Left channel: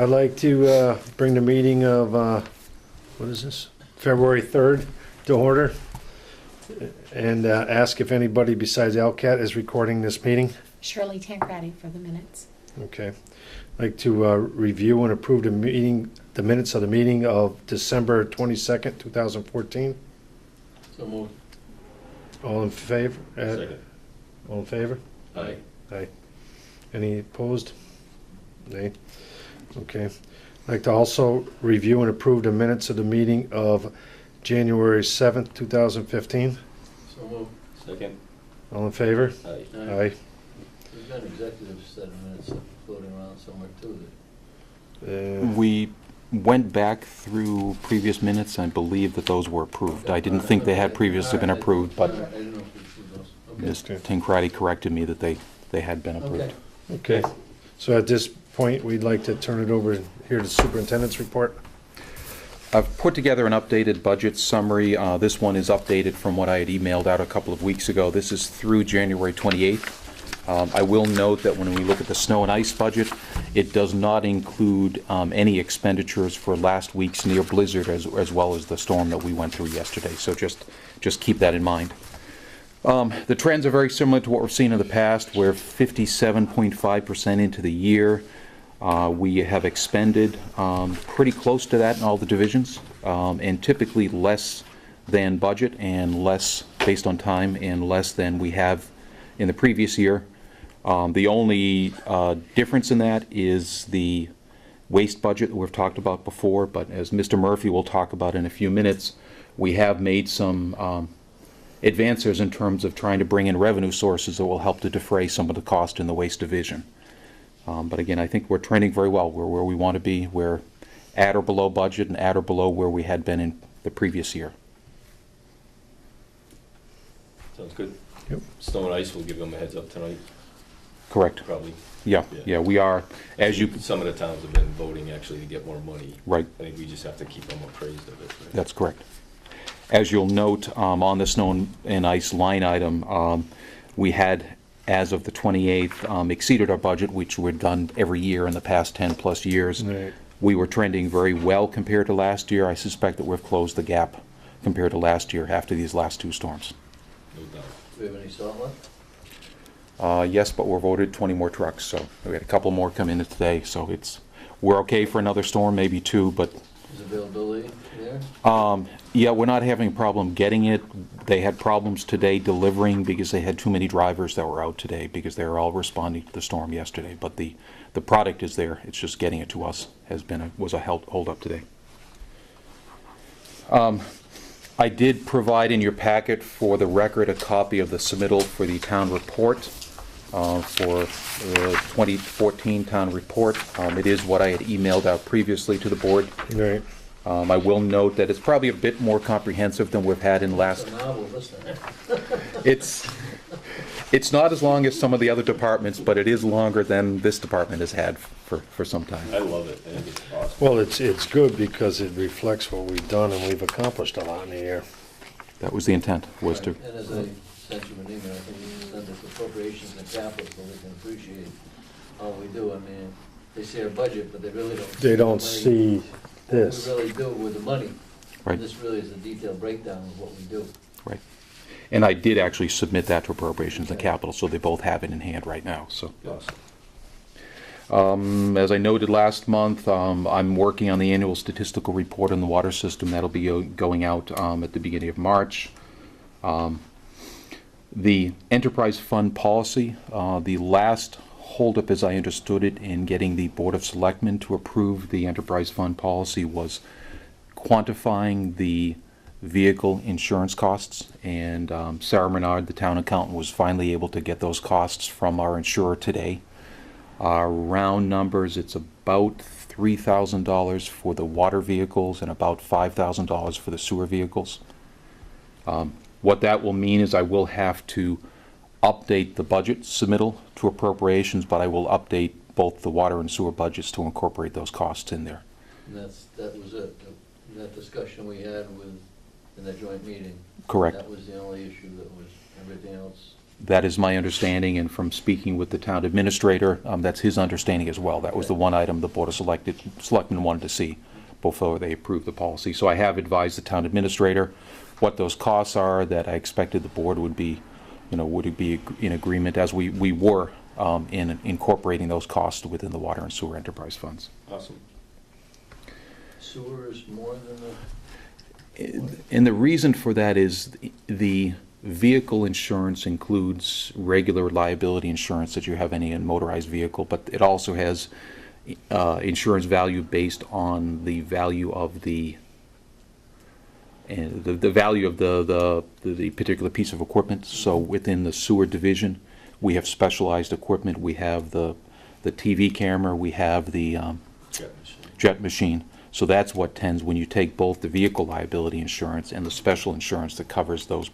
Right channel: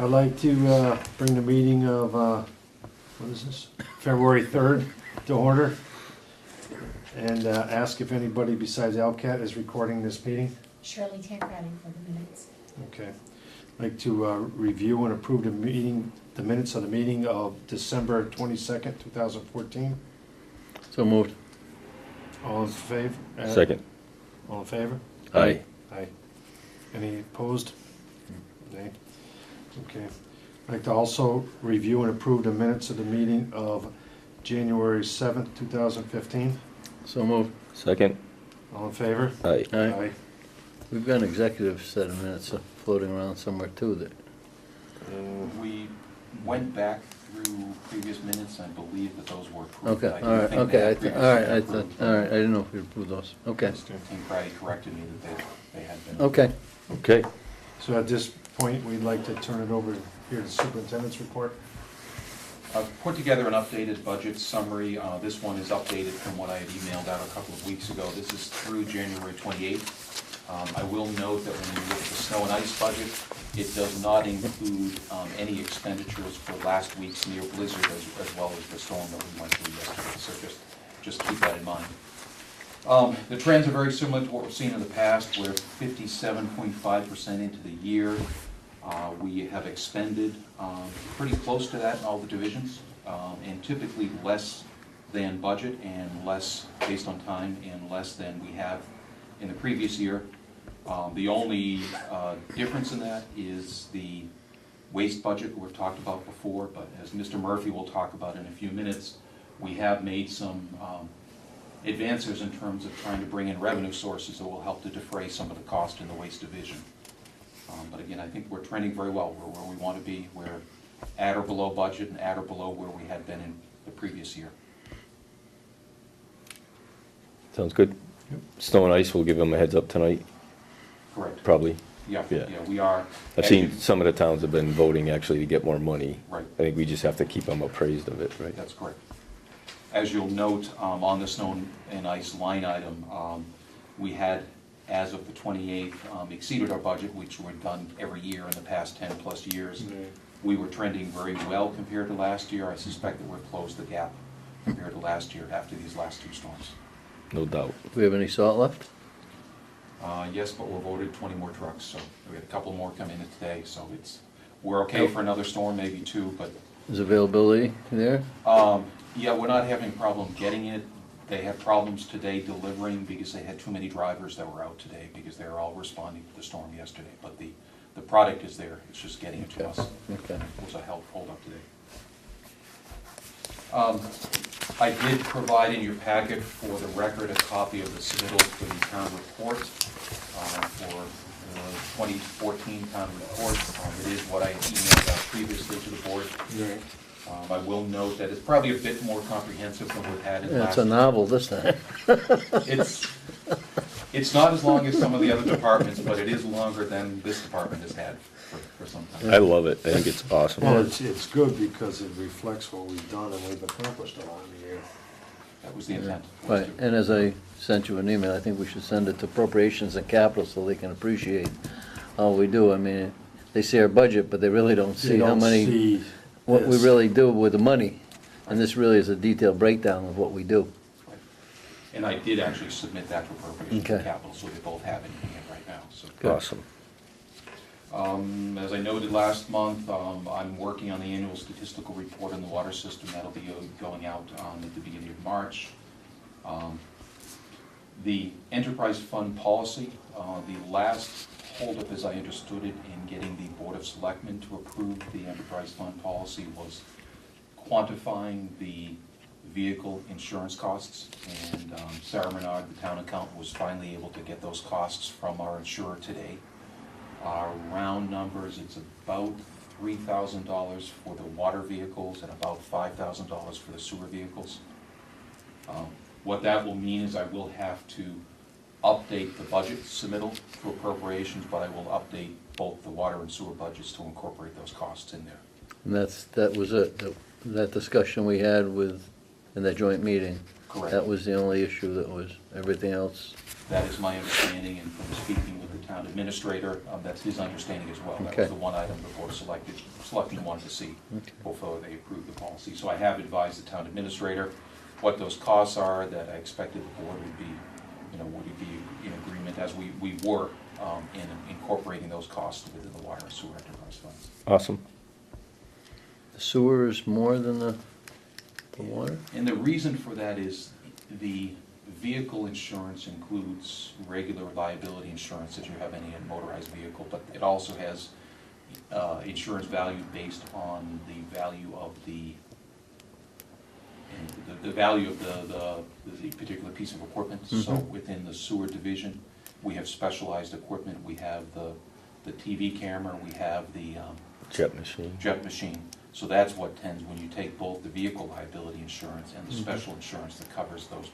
I'd like to bring the meeting of, what is this, February 3rd to order, and ask if anybody besides LCAT is recording this meeting. Shirley Tancredi for the minutes. Okay. I'd like to review and approve the minutes of the meeting of December 22nd, 2014. So moved. All in favor? Second. All in favor? Aye. Aye. Any opposed? Nay. Okay. I'd like to also review and approve the minutes of the meeting of January 7th, 2015. So moved. Second. All in favor? Aye. Aye. We've got an executive set of minutes floating around somewhere too that. We went back through previous minutes. I believe that those were approved. Okay, I didn't all right, think they okay, had previously been approved, All but right, I didn't know if we approved those. Okay. Mr. Tancredi corrected me that they had been approved. Okay. Okay. So at this point, we'd like to turn it over and hear the superintendent's report. I've put together an updated budget summary. This one is updated from what I had emailed out a couple of weeks ago. This is through January 28th. I will note that when we look at the snow and ice budget, it does not include any expenditures for last week's near blizzard as well as the storm that we went through yesterday. So just keep that in mind. The trends are very similar to what we've seen in the past. We're 57.5% into the year. We have expended pretty close to that in all the divisions, and typically less than budget and less based on time and less than we have in the previous year. The only difference in that is the waste budget that we've talked about before, but as Mr. Murphy will talk about in a few minutes, we have made some advances in terms of trying to bring in revenue sources that will help to defray some of the cost in the waste division. But again, I think we're trending very well. We're where we want to be. We're at or below budget and at or below where we had been in the previous year. Sounds good. Yep. Snow and ice, we'll give them a heads up tonight, Correct. probably. Yeah, Yeah. yeah, we are. I've As seen you, some of the towns have been voting actually to get more money. right. I think we just have to keep them appraised of it, right? That's correct. As you'll note, on the snow and ice line item, we had, as of the 28th, exceeded our budget, which we've done every year in the past 10-plus years. Right. We were trending very well compared to last year. I suspect that we've closed the gap compared to last year after these last two storms. No doubt. Do we have any salt left? Yes, but we're voted 20 more trucks, so we had a couple more come in today, so we're okay for another storm, maybe two, but Is availability there? yeah, we're not having a problem getting it. They had problems today delivering because they had too many drivers that were out today because they were all responding to the storm yesterday. But the product is there. It's just getting it to us was a hold up today. I did provide in your packet for the record a copy of the submittal for the town report for the 2014 town report. It is what I had emailed out previously to the board. Right. I will note that it's probably a bit more comprehensive than we've had in That's last. a novel this time. It's not as long as some of the other departments, but it is longer than this department has had for some time. I love it. I think it's awesome. Well, it's good because it reflects what we've done, and we've accomplished a lot in the year. That was the intent, was Right. to. And as I sent you an email, I think we should send it to appropriations and capital so they can appreciate all we do. I mean, they see our budget, but they really don't They see how don't many, see what we this. really do with the money. Right. And this really is a detailed breakdown of what we do. Right. And I did actually submit that to appropriations and Okay. capital, so they both have it in hand right now, so. Awesome. As I noted last month, I'm working on the annual statistical report on the water system. That'll be going out at the beginning of March. The enterprise fund policy, the last holdup, as I understood it, in getting the Board of Selectmen to approve the enterprise fund policy was quantifying the vehicle insurance costs. And Sarah Menard, the town accountant, was finally able to get those costs from our insurer today. Round numbers, it's about $3,000 for the water vehicles and about $5,000 for the sewer vehicles. What that will mean is I will have to update the budget submittal to appropriations, but I will update both the water and sewer budgets to incorporate those costs in there. And that was it, that discussion we had in that joint meeting. Correct. That was the only issue that was, everything else. That is my understanding, and from speaking with the town administrator, that's his understanding as well. That was Okay. the one item the Board of Selectmen wanted to see before they approved the policy. So I have advised the town administrator what those costs are, that I expected the board would be, would be in agreement, as we were in incorporating those costs within the water and sewer enterprise funds. Awesome. Sewer is more than the water? And the reason for that is the vehicle insurance includes regular liability insurance that you have any motorized vehicle, but it also has insurance value based on the value of the value of the particular piece of equipment. So within the sewer division, we have specialized equipment. We have the TV camera, we have the Jet machine. jet machine. So that's what tends, when you take both the vehicle liability insurance and the special insurance that covers those,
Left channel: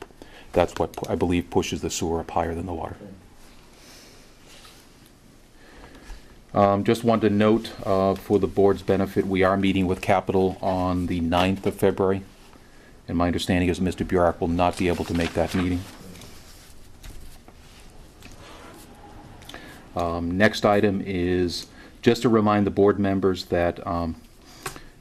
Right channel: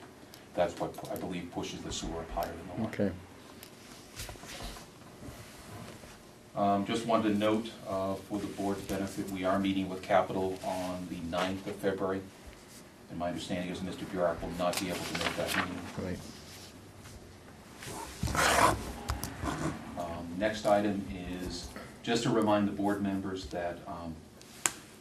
that's what I believe pushes the sewer up higher than the water. Okay. Just wanted to note, for the board's benefit, we are meeting with Capital on the 9th of February. And my understanding is Mr. Bjork will not be able to make that meeting. Right. Next item is just to remind the board members that,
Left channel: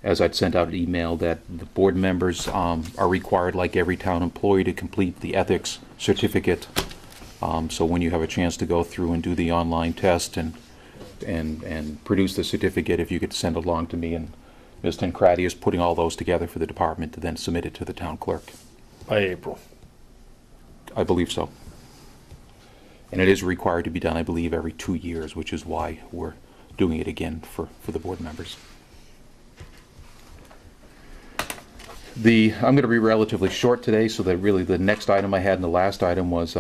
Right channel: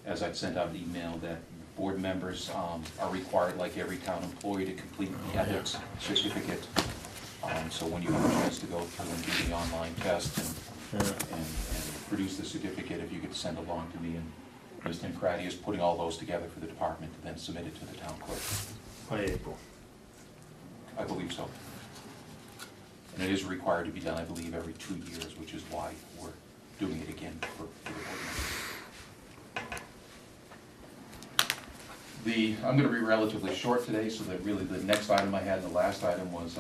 as I'd sent out an email, that the board members are required, like every town employee, to complete the ethics certificate. So when you have a chance to go through and do the online test and produce the certificate, if you could send along to me, and Ms. Tancredi is putting all those together for the department to then submit it to the town clerk. By April. I believe so. And it is required to be done, I believe, every 2 years, which is why we're doing it again for the board members. I'm going to be relatively short today, so that really the next item I had and the last item was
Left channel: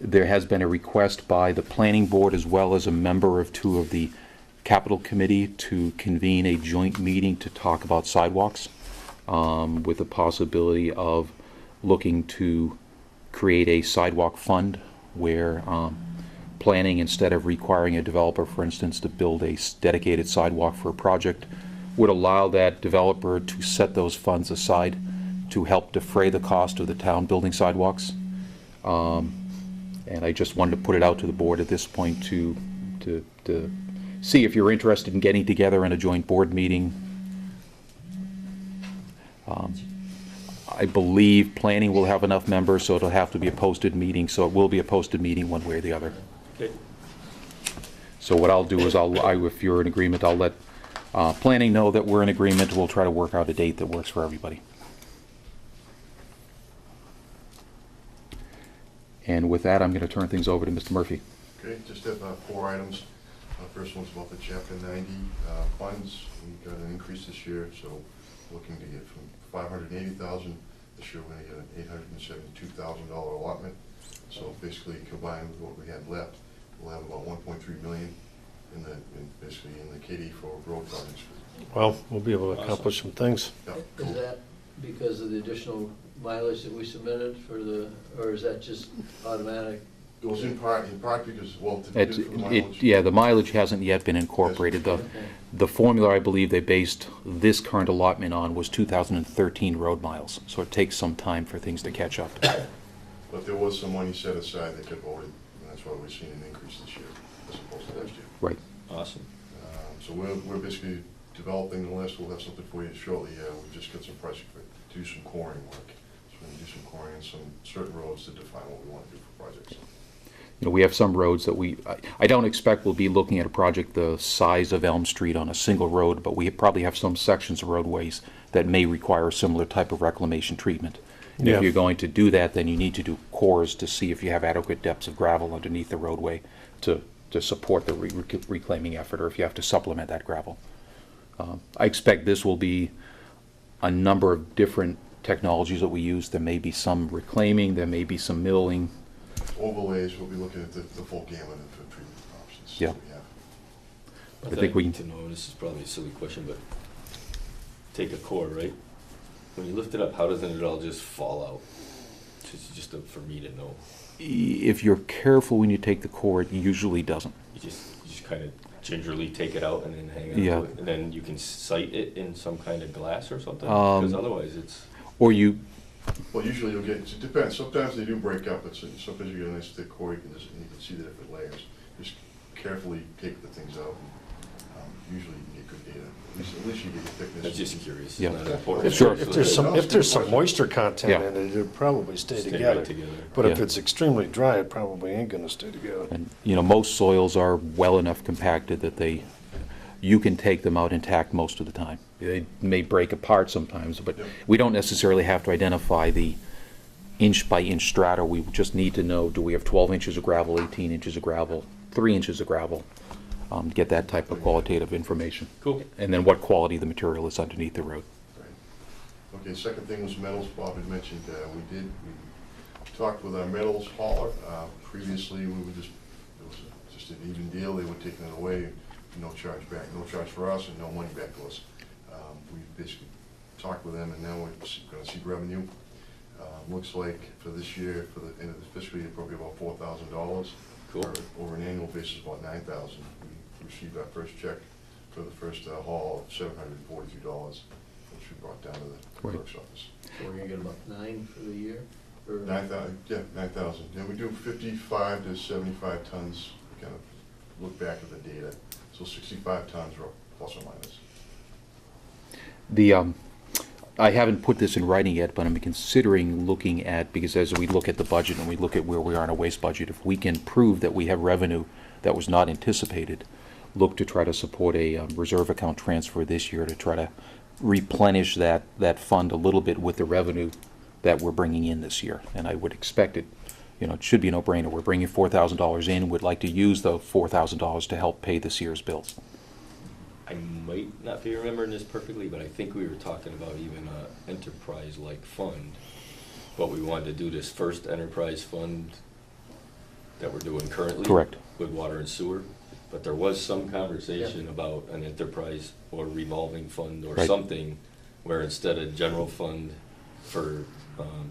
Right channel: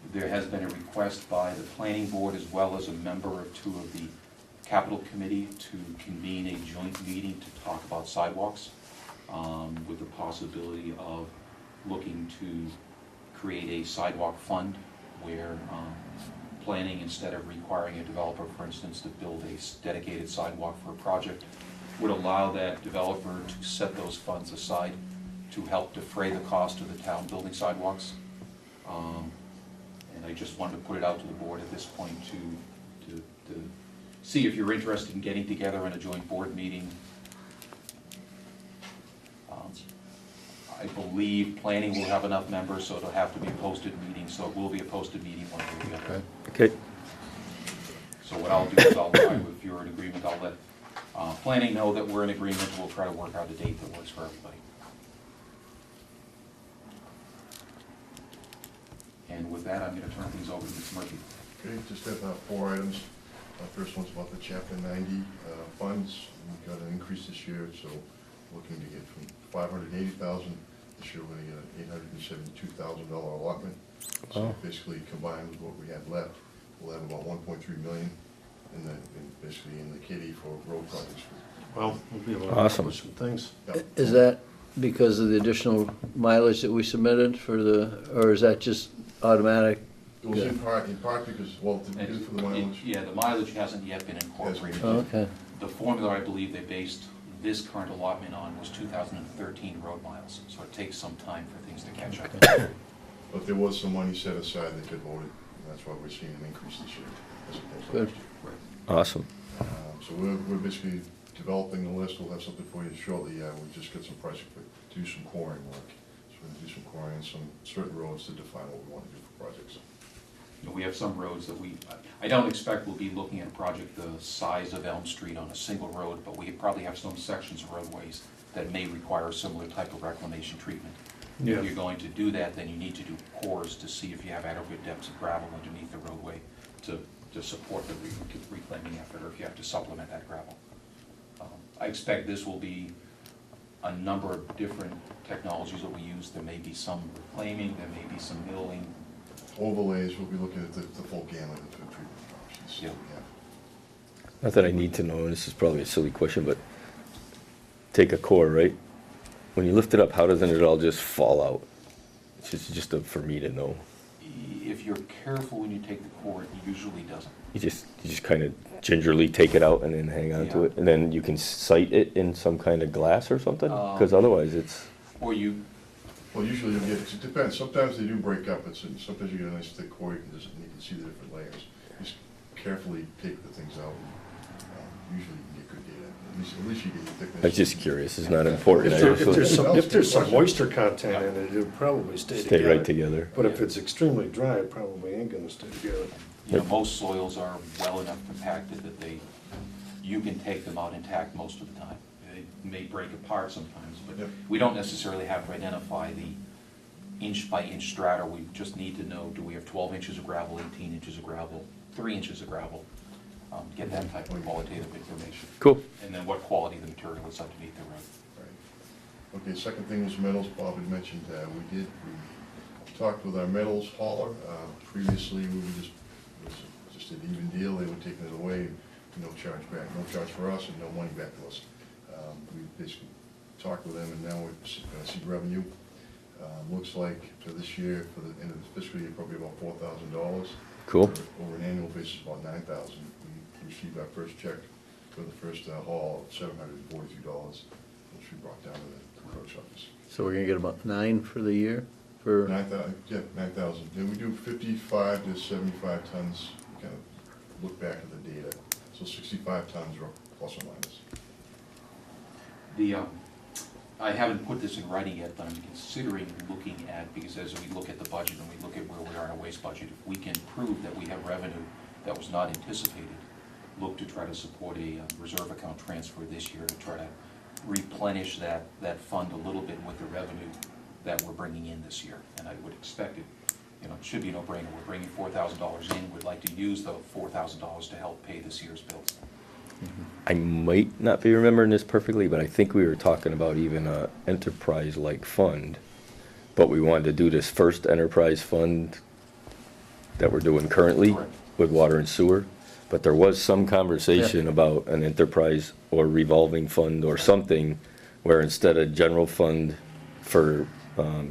there has been a request by the planning board as well as a member of 2 of the capital committee to convene a joint meeting to talk about sidewalks, with the possibility of looking to create a sidewalk fund where planning, instead of requiring a developer, for instance, to build a dedicated sidewalk for a project, would allow that developer to set those funds aside to help defray the cost of the town building sidewalks. And I just wanted to put it out to the board at this point to see if you're interested in getting together in a joint board meeting. I believe planning will have enough members, so it'll have to be a posted meeting, so it will be a posted meeting one way or the other. Okay. So what I'll do is if you're in agreement, I'll let planning know that we're in agreement. We'll try to work out a date that works for everybody. And with that, I'm going to turn things over to Mr. Murphy. Okay, just have 4 items. First one's about the Chapter 90 funds. We've got an increase this year, so looking to get from $580,000 this year. We're going to get an $872,000 allotment. So Wow. basically, combined with what we had left, we'll have about $1.3 million basically in the kitty for road projects. Well, we'll be able to Awesome. accomplish some things. Yep. Is that because of the additional mileage that we submitted or is that just automatic? It was in part because, well, to It's- for the mileage. Yeah, the mileage hasn't yet been incorporated. Yes. Okay. The formula I believe they based this current allotment on was 2013 road miles, so it takes some time for things to catch up. But there was some money set aside that got voted, and that's why we're seeing an increase this year as opposed to Good. last year. Right. Awesome. So we're basically developing the list. We'll have something for you shortly. We'll just get some pricing to do some coring work. So we're gonna do some coring on some certain roads to define what we want to do for projects. We have some roads that I don't expect we'll be looking at a project the size of Elm Street on a single road, but we probably have some sections of roadways that may require a similar type of reclamation treatment. And Yeah. if you're going to do that, then you need to do cores to see if you have adequate depths of gravel underneath the roadway to support the reclaiming effort, or if you have to supplement that gravel. I expect this will be a number of different technologies that we use. There may be some reclaiming, there may be some milling. Overlays, we'll be looking at the full gamut of treatment options. Yeah. that we have. I think think we- we need to know, and this is probably a silly question, but take a core, right? When you lift it up, how doesn't it all just fall out? It's just for me to know. If you're careful when you take the core, it usually doesn't. You just kind of gingerly take it out and then hang on Yeah. to it, and then you can sight it in some kind of glass or something. Because Um, otherwise, it's Or you Well, usually you'll get, it depends, sometimes they do break up, sometimes you get a nice thick core, you can see the different layers. Just carefully take the things out, and usually you get good data, at least you get the thickness. I was just curious, it's Yeah. not important. Sure. If there's some moisture content Yeah. in it, it'll probably stay Stay together. right together. But if Yeah. it's extremely dry, it probably ain't gonna stay together. And, most soils are well enough compacted that you can take them out intact most of the time. They may break apart sometimes, but Yep. we don't necessarily have to identify the inch-by-inch strata. We just need to know, do we have 12 inches of gravel, 18 inches of gravel, 3 inches of gravel? Get that type of qualitative information. Cool. And then what quality the material is underneath the road. Right. Okay, second thing was metals. Bob had mentioned, we talked with our metals hauler. Previously, it was just an even deal. They were taking it away, no charge back, no charge for us and no money back to us. We basically talked with them, and now we're gonna see revenue. Looks like for this year, for the end of the fiscal year, probably about $4,000. Cool. Over an annual basis, about $9,000. We received our first check for the first haul of $743, which we brought down to the Great. clerk's office. So we're gonna get about 9 for the year? For 9,000, yeah, 9,000. And we do 55 to 75 tons. We kind of look back at the data. So 65 tons plus or minus. I haven't put this in writing yet, but I'm considering looking at, because as we look at the budget and we look at where we are in a waste budget, if we can prove that we have revenue that was not anticipated, look to try to support a reserve account transfer this year to try to replenish that fund a little bit with the revenue that we're bringing in this year. And I would expect it, it should be a no-brainer. We're bringing $4,000 in. We'd like to use the $4,000 to help pay this year's bills. I might not be remembering this perfectly, but I think we were talking about even a enterprise-like fund. But we wanted to do this first enterprise fund that we're doing currently. Correct. With water and sewer. But there was some conversation about an enterprise or revolving fund or Right. something where instead of general fund for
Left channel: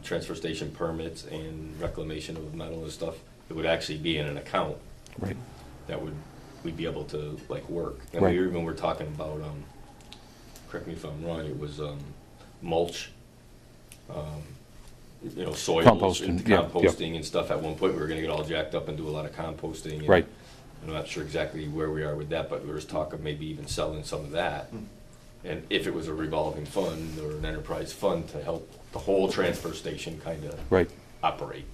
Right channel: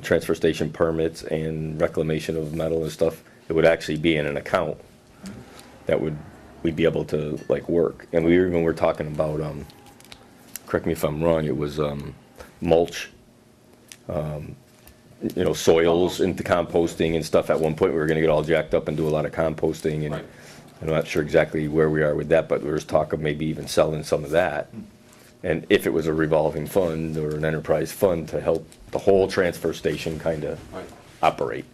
transfer station permits and reclamation of metal and stuff, it would actually be in an account Right. that we'd be able to like work. And we Right. even were talking about, correct me if I'm wrong, it was mulch, soils and Composting, yeah, composting and stuff. At one point, we were gonna get all jacked up and do a lot of composting. And Right. I'm not sure exactly where we are with that, but there was talk of maybe even selling some of that. And if it was a revolving fund or an enterprise fund to help the whole transfer station kind of Right. operate.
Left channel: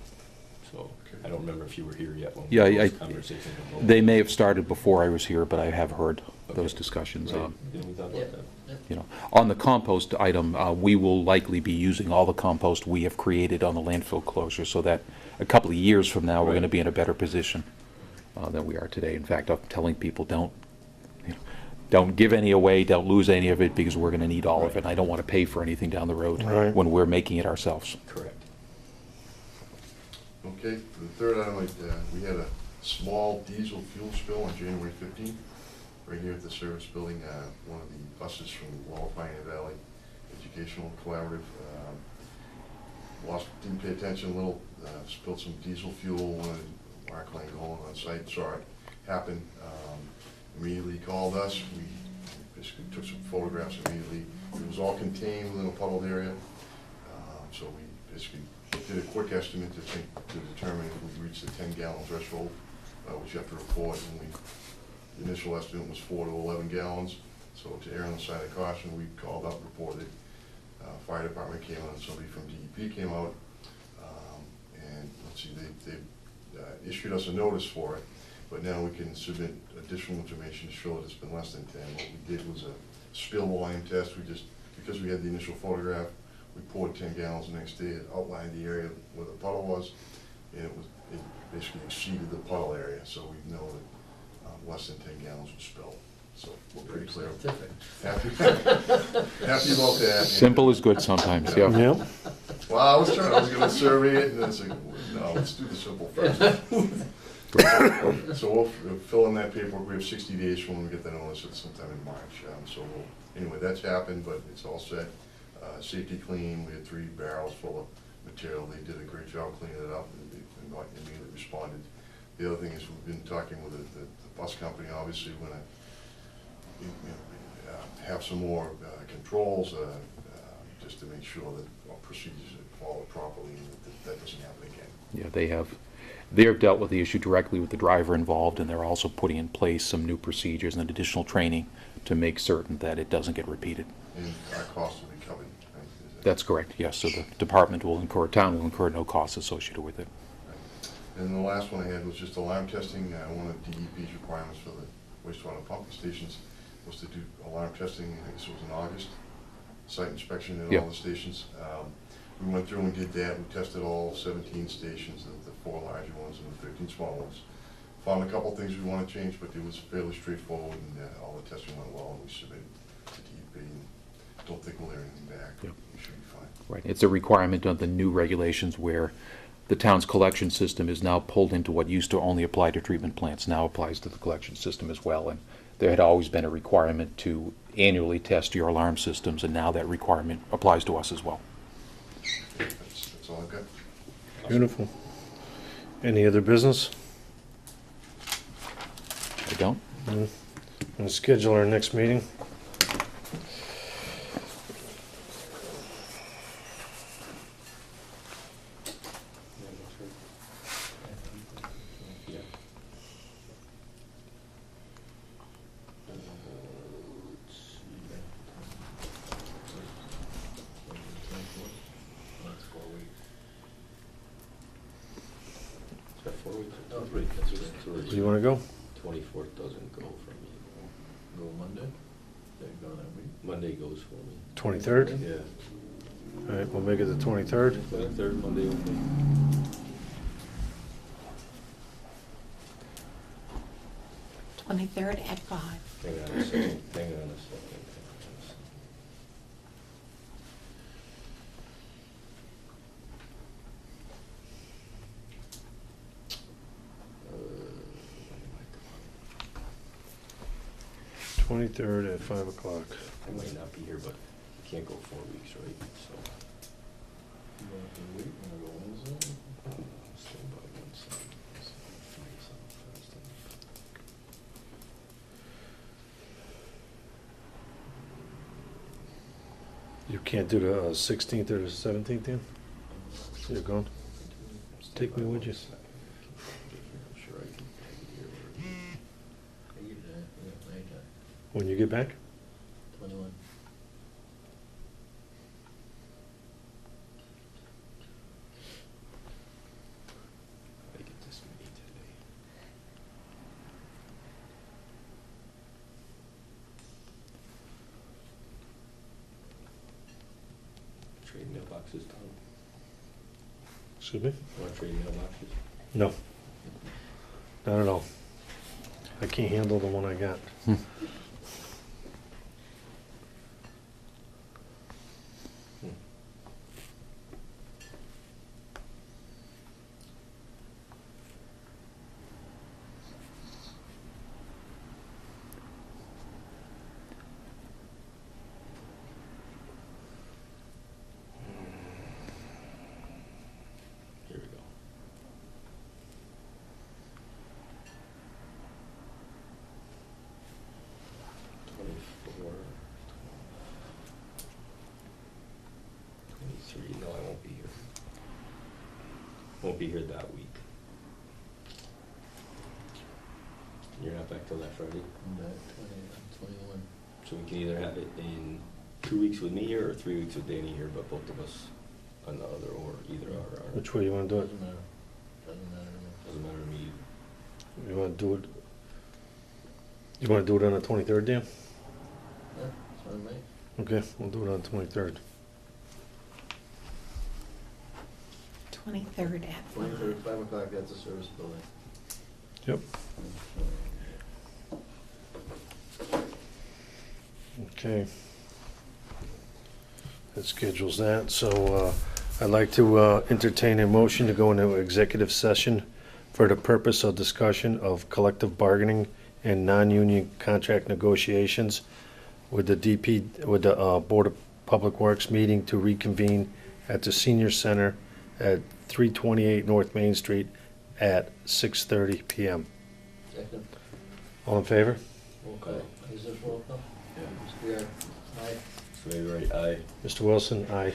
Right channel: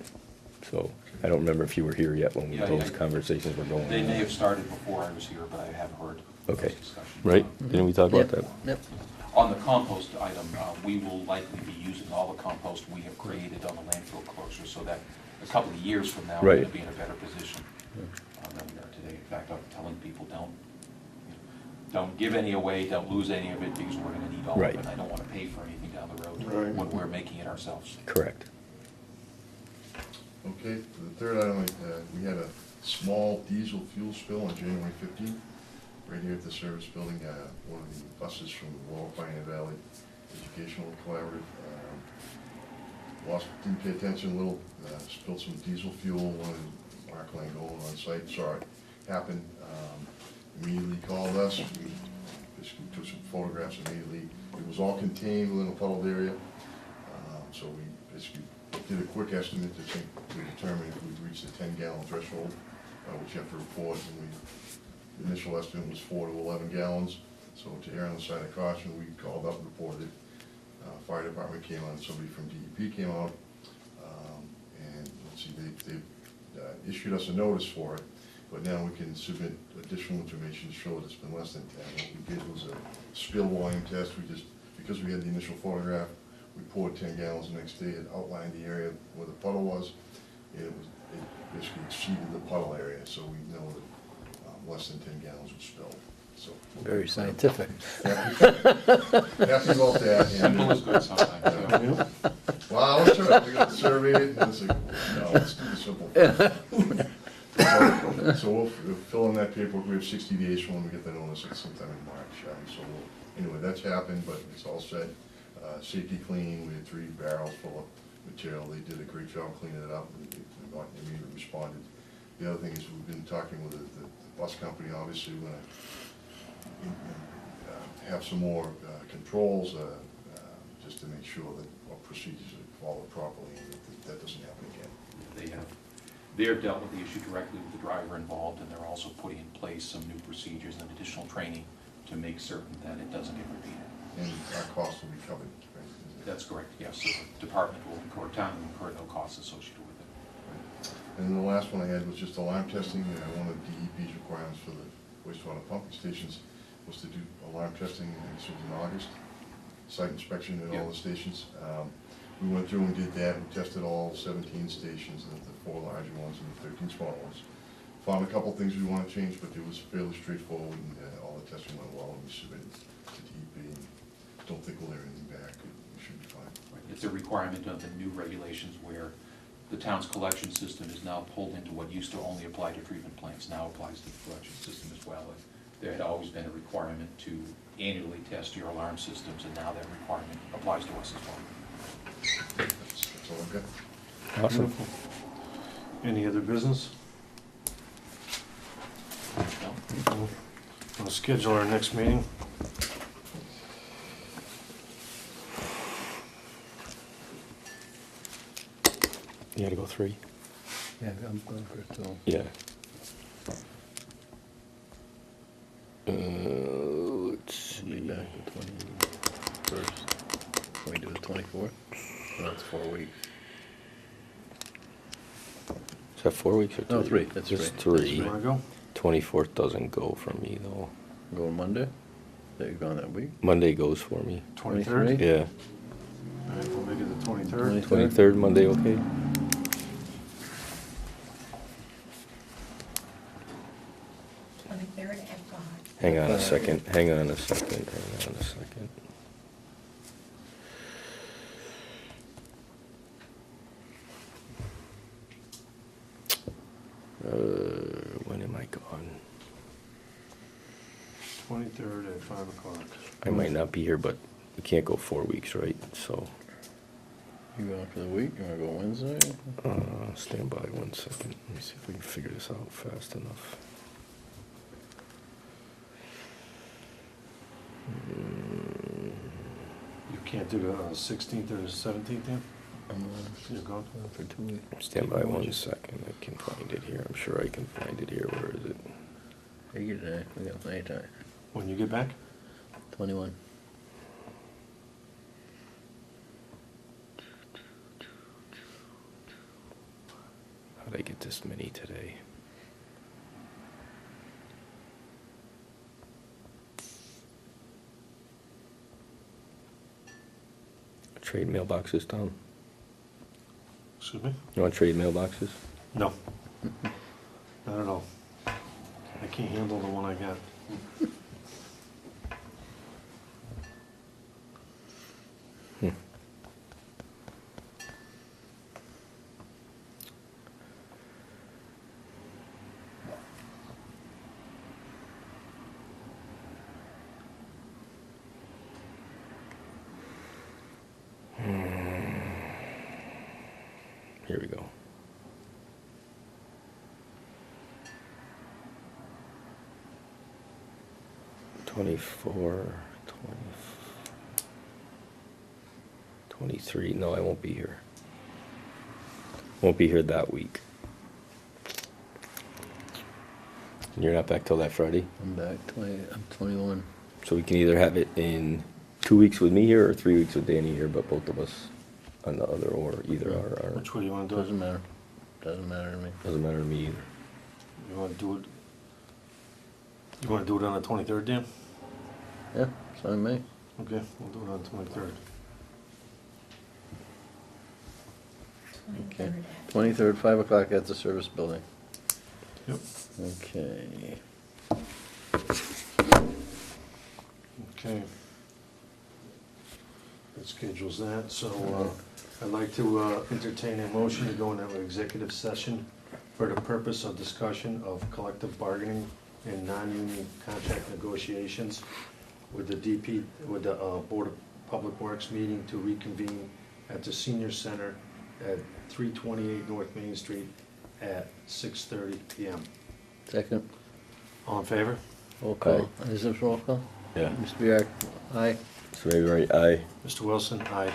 So I don't remember if you were here yet when Yeah, those conversations were going. They may have started before I was here, but I have heard Okay. those discussions. Right? Didn't we talk about Yep, that? yep. On the compost item, we will likely be using all the compost we have created on the landfill closure, so that a couple of years from now, we're Right. going to be in a better position than we are today. In fact, I'm telling people, don't give any away, don't lose any of it, because we're going to need all of Right. it. I don't want to pay for anything down the road Right. when we're making it ourselves. Correct. Okay, for the third item, we had a small diesel fuel spill on January 15th, right here at the service building. One of the buses from the Lower Pioneer Valley Educational Collaborative didn't pay attention a little, spilled some diesel fuel. One of the Mark Langone on site saw it happen, immediately called us. We basically took some photographs immediately. It was all contained within a puddled area, so we basically did a quick estimate to determine if we reached the 10-gallon threshold, which you have to report, and the initial estimate was 4 to 11 gallons. So to err on the side of caution, we called up, reported. Fire department came out, somebody from DEP came out, and let's see, they issued us a notice for it, but now we can submit additional information to show that it's been less than 10. What we did was a spill volume test. Because we had the initial photograph, we poured 10 gallons the next day. It outlined the area where the puddle was, and it basically exceeded the puddle area, so we know that less than 10 gallons was spilled. So we're Very pretty scientific. happy about that. Simple is good sometimes, yeah. Yep. Well, I was trying, I was gonna survey it, and then it's like, no, let's do the simple first. So we'll fill in that paperwork. We have 60 days from when we get the notice, it's sometime in March. Anyway, that's happened, but it's all set. Safety clean, we had 3 barrels full of material. They did a great job cleaning it up, and they immediately responded. The other thing is, we've been talking with the bus company. Obviously, when have some more controls, just to make sure that our procedures are followed properly, and that doesn't happen again. Yeah, they've dealt with the issue directly with the driver involved, and they're also putting in place some new procedures and additional training to make certain that it doesn't get repeated. And our costs will be covered, right? Is that- That's correct, yes. So the department will incur, town will incur no costs associated with it. And the last one I had was just alarm testing. One of DEP's requirements for the wastewater pumping stations was to do alarm testing, I guess it was in August, site inspection at Yeah. all the stations. We went through and did that. We tested all 17 stations, the 4 larger ones and the 13 small ones. Found a couple things we want to change, but it was fairly straightforward, and all the testing went well, and we submitted to DEP. And don't think we'll hear anything back. Yeah. We should be fine. Right. It's a requirement of the new regulations where the town's collection system is now pulled into what used to only apply to treatment plants, now applies to the collection system as well. And there had always been a requirement to annually test your alarm systems, and now that requirement applies to us as well. That's all I've got. Awesome. Beautiful. Any other business? If you don't, We'll schedule our next meeting. You gotta go 3? Yeah, I'm going for it, too. Yeah. Let's see. Be back the 21st. Can we do the 24th? No, it's 4 weeks. Is that 4 weeks or 3? No, 3, that's Just right. 3. You wanna go? 24th doesn't go for me though. Go Monday? That you're gone that week? Monday goes for me. 23rd? 23rd? Yeah. All right, we'll make it the 23rd. 23rd, Monday, okay? Twenty-third at 5. Hang on a second, hang on a second, hang on a second. When am I gone? 23rd at 5 o'clock. I might not be here, but we can't go 4 weeks, right? So, You going for the week? You wanna go Wednesday? stand by 1 second. Let me see if we can figure this out fast enough. You can't do the 16th or the 17th, then? I'm You're gone? for 2 weeks. Stand Take by me with 1 you. second. I can find it here. I'm sure I can find it here. Where is it? Take your day. We got plenty of time. When you get back? 21. How'd I get this many today? Trade mailboxes, Tom? Excuse me? You want trade mailboxes? No. Not at all. I can't handle the one I got. Here we go. Twenty-four, 23. No, I won't be here. Won't be here that week. And you're not back till that Friday? I'm back 20, I'm 21. So we can either have it in 2 weeks with me here or 3 weeks with Danny here, but both of us on the other, or either are, Which way you want to do it? Doesn't matter. Doesn't matter to me. doesn't matter to me either. You want to do it? You want to do it on the 23rd, Dan? Yeah, it's on me. Okay, we'll do it on the 23rd. 23rd at 23rd, 5 o'clock at the service building. Yep. Okay. Okay. That schedules that, so I'd like to entertain a motion to go into executive session for the purpose of discussion of collective bargaining and non-union contract negotiations with the Board of Public Works meeting to reconvene at the Senior Center at 328 North Main Street at 6:30 PM. Second, All in favor? roll call. Is this roll call? Yeah. Mr. Yark, aye. So maybe right, Mr. Wilson, aye.